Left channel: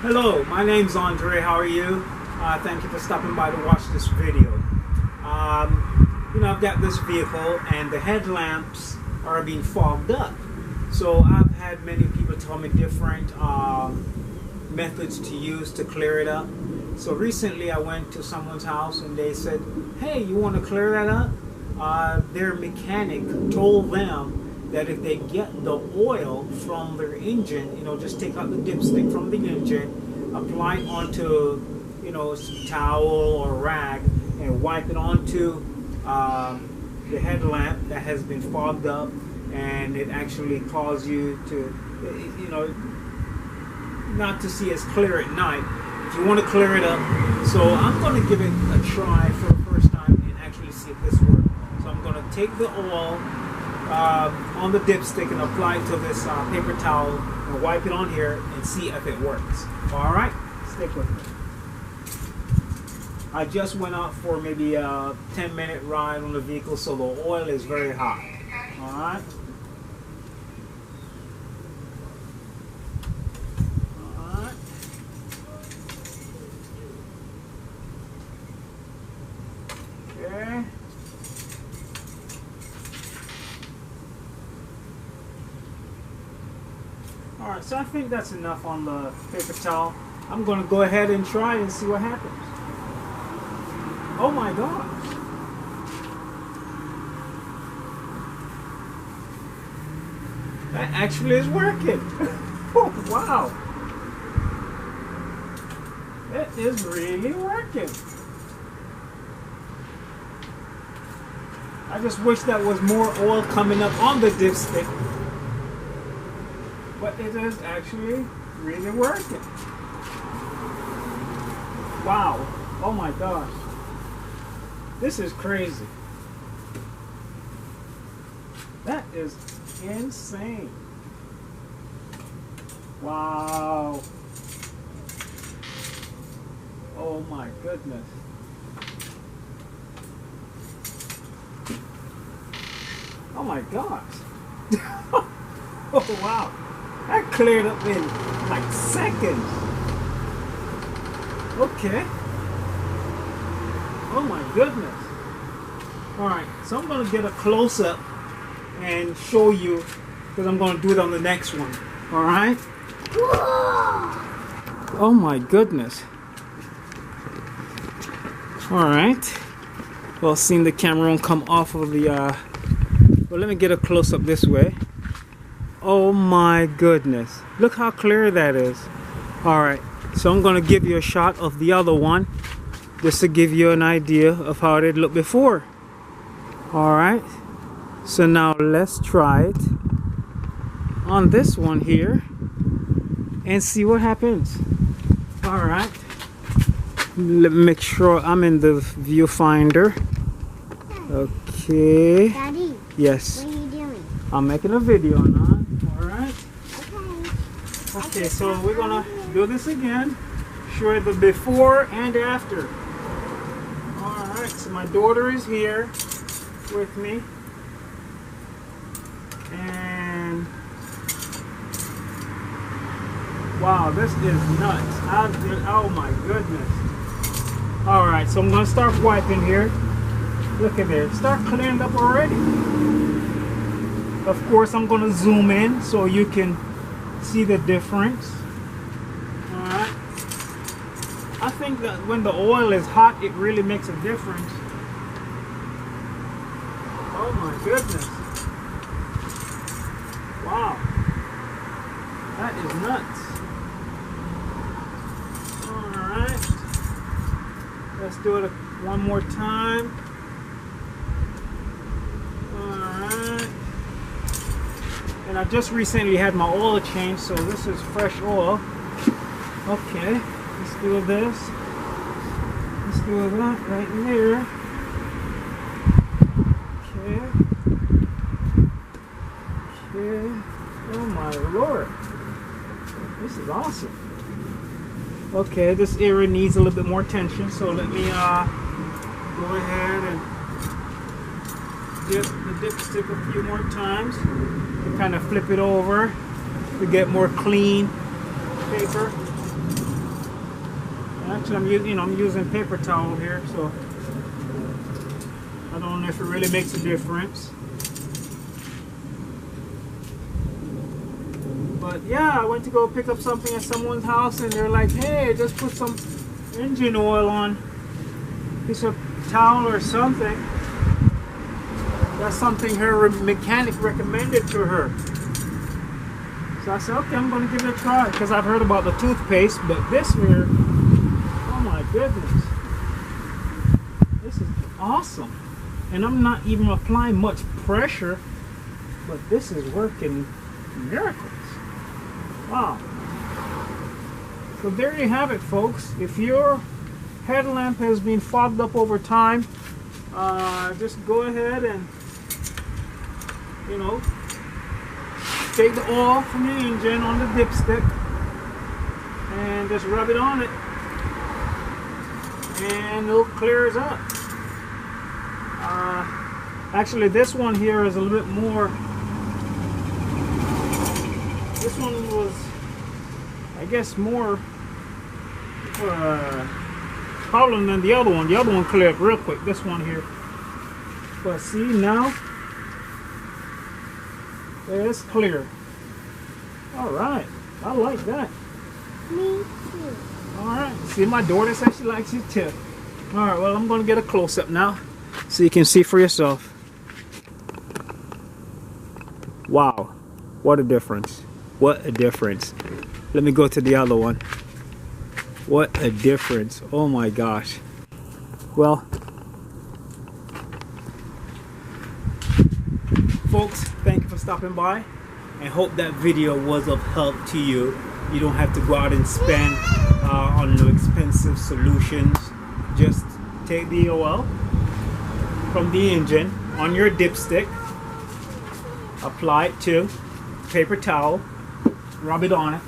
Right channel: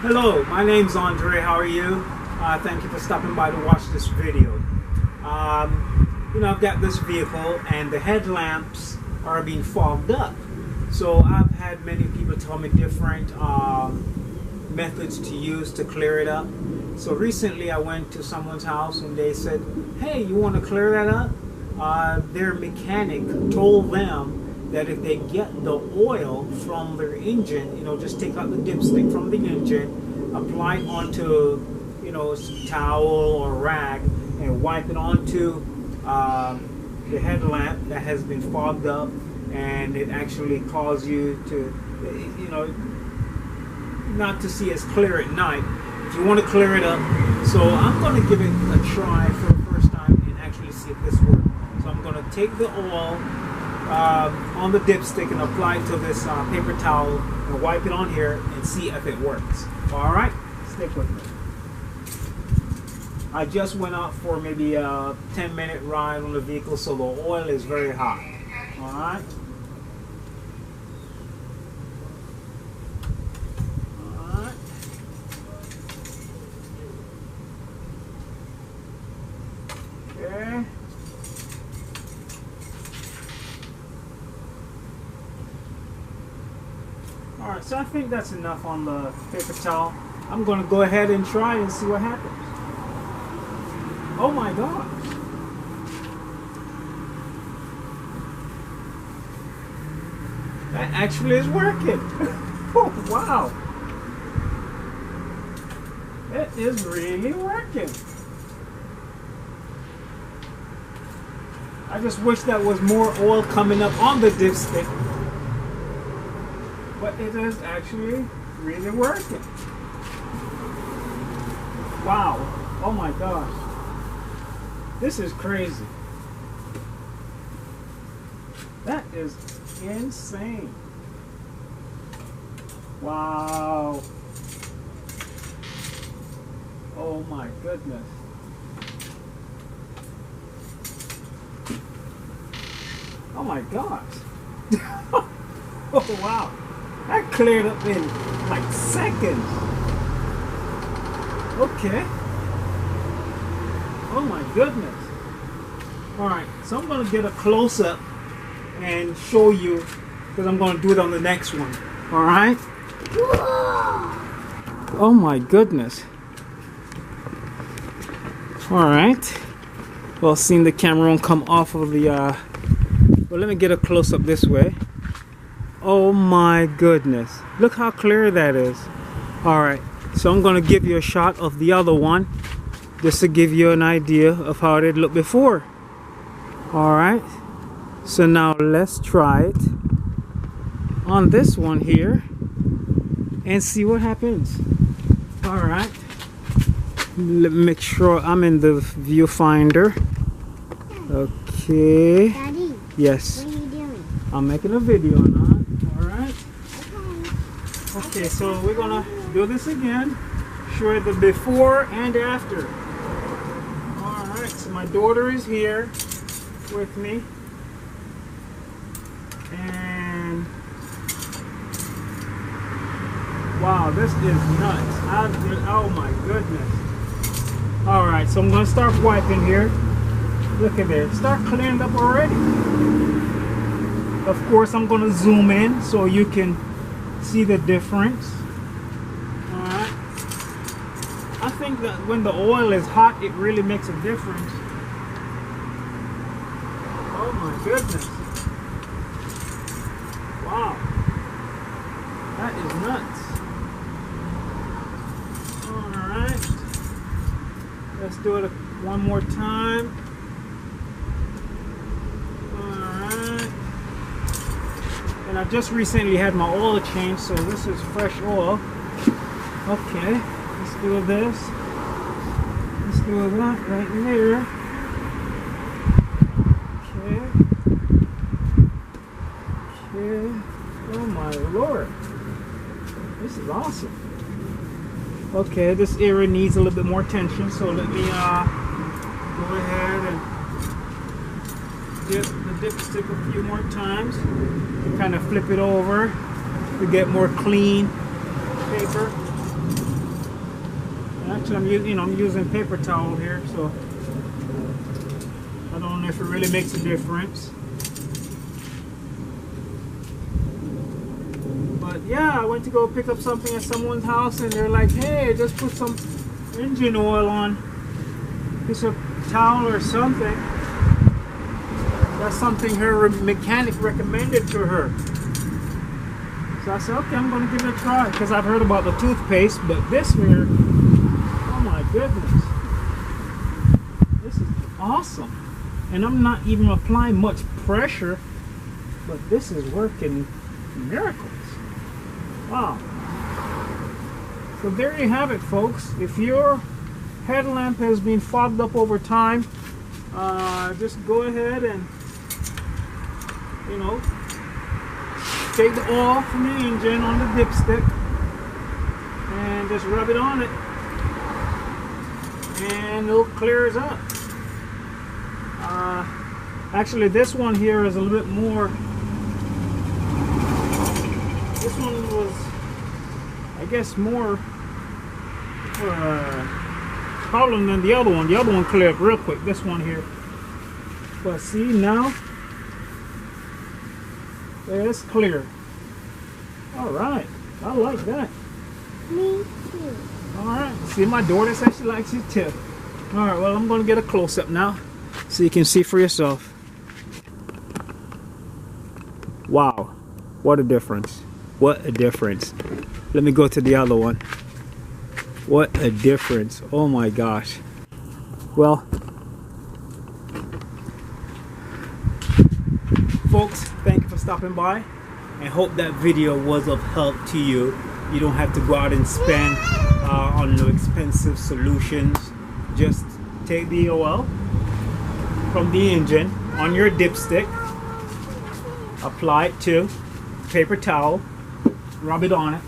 Hello, my name's Andre. How are you? Thank you for stopping by to watch this video. I've got this vehicle and the headlamps are being fogged up. So I've had many people tell me different methods to use to clear it up. So recently I went to someone's house and they said, hey, you want to clear that up? Their mechanic told them that if they get the oil from their engine, just take out the dipstick from the engine, apply it onto, a towel or rag and wipe it onto the headlamp that has been fogged up, and it actually causes you to, not to see as clear at night. If you want to clear it up, so I'm going to give it a try for the first time and actually see if this works. So I'm going to take the oil on the dipstick and apply it to this paper towel and wipe it on here and see if it works. Alright, stick with me. I just went out for maybe a 10-minute ride on the vehicle, so the oil is very hot. Alright. Alright. Okay. Alright, so I think that's enough on the paper towel. I'm going to go ahead and try and see what happens. Oh my gosh. That actually is working. Oh, wow. It is really working. I just wish that was more oil coming up on the dipstick. But it is actually really working. Wow. Oh my gosh. This is crazy. That is insane. Wow. Oh my goodness. Oh my gosh. Oh wow. That cleared up in like seconds. Okay. Oh my goodness. Alright, so I'm going to get a close-up and show you, because I'm going to do it on the next one. Alright? Oh my goodness. Alright. Well, seeing the camera won't come off of the, well, let me get a close-up this way. Oh my goodness. Look how clear that is. Alright, so I'm going to give you a shot of the other one, just to give you an idea of how it did look before. Alright, so now let's try it on this one here and see what happens. Alright, let me make sure I'm in the viewfinder. Okay. Daddy, yes. what are you doing? I'm making a video now. Alright. Okay, so we're gonna do this again. Show you the before and after. Alright, so my daughter is here with me. And wow, this is nuts. Oh my goodness. Alright, so I'm gonna start wiping here. Look at it. Start clearing up already. Of course, I'm gonna zoom in so you can see the difference. Alright. I think that when the oil is hot, it really makes a difference. Oh my goodness. Wow. That is nuts. Alright. Let's do it one more time. Alright. And I just recently had my oil changed, so this is fresh oil. Okay, let's do this. Let's do that right there. Okay. Okay. Oh my lord. This is awesome. Okay, this area needs a little bit more attention, so let me go ahead and dip the dipstick a few more times and kind of flip it over to get more clean paper. Actually, I'm using paper towel here, so I don't know if it really makes a difference. But yeah, I went to go pick up something at someone's house, and they're like, "Hey, just put some engine oil on a piece of towel or something." That's something her mechanic recommended to her. So I said, okay, I'm going to give it a try, because I've heard about the toothpaste, but this here, oh my goodness, this is awesome. And I'm not even applying much pressure, but this is working miracles. Wow. So there you have it, folks. If your headlamp has been fogged up over time, just go ahead and, take the oil from the engine on the dipstick and just rub it on it, and it'll clear it up. Actually, this one here is a little bit more. This one was, I guess, more problem than the other one. The other one cleared up real quick. This one here, but see now. It's clear. All right, I like that. Me too. All right, see, my daughter says she likes it too. All right, well, I'm going to get a close-up now so you can see for yourself. Wow, what a difference. What a difference. Let me go to the other one. What a difference. Oh my gosh. Well, folks, thank you for stopping by, and hope that video was of help to you. You don't have to go out and spend on no expensive solutions. Just take the oil from the engine on your dipstick, apply it to paper towel, rub it on it,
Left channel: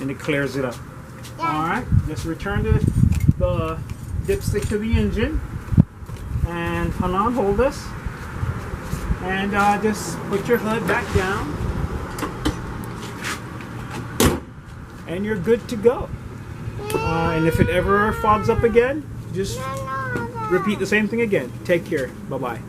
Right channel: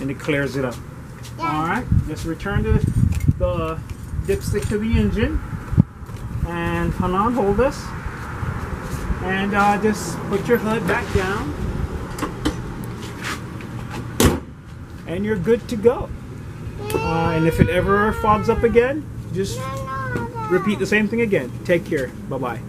and it clears it up. Alright, just return the dipstick to the engine, and Hanan, hold this. And just put your hood back down, and you're good to go. And if it ever fogs up again, just repeat the same thing again. Take care. Bye-bye.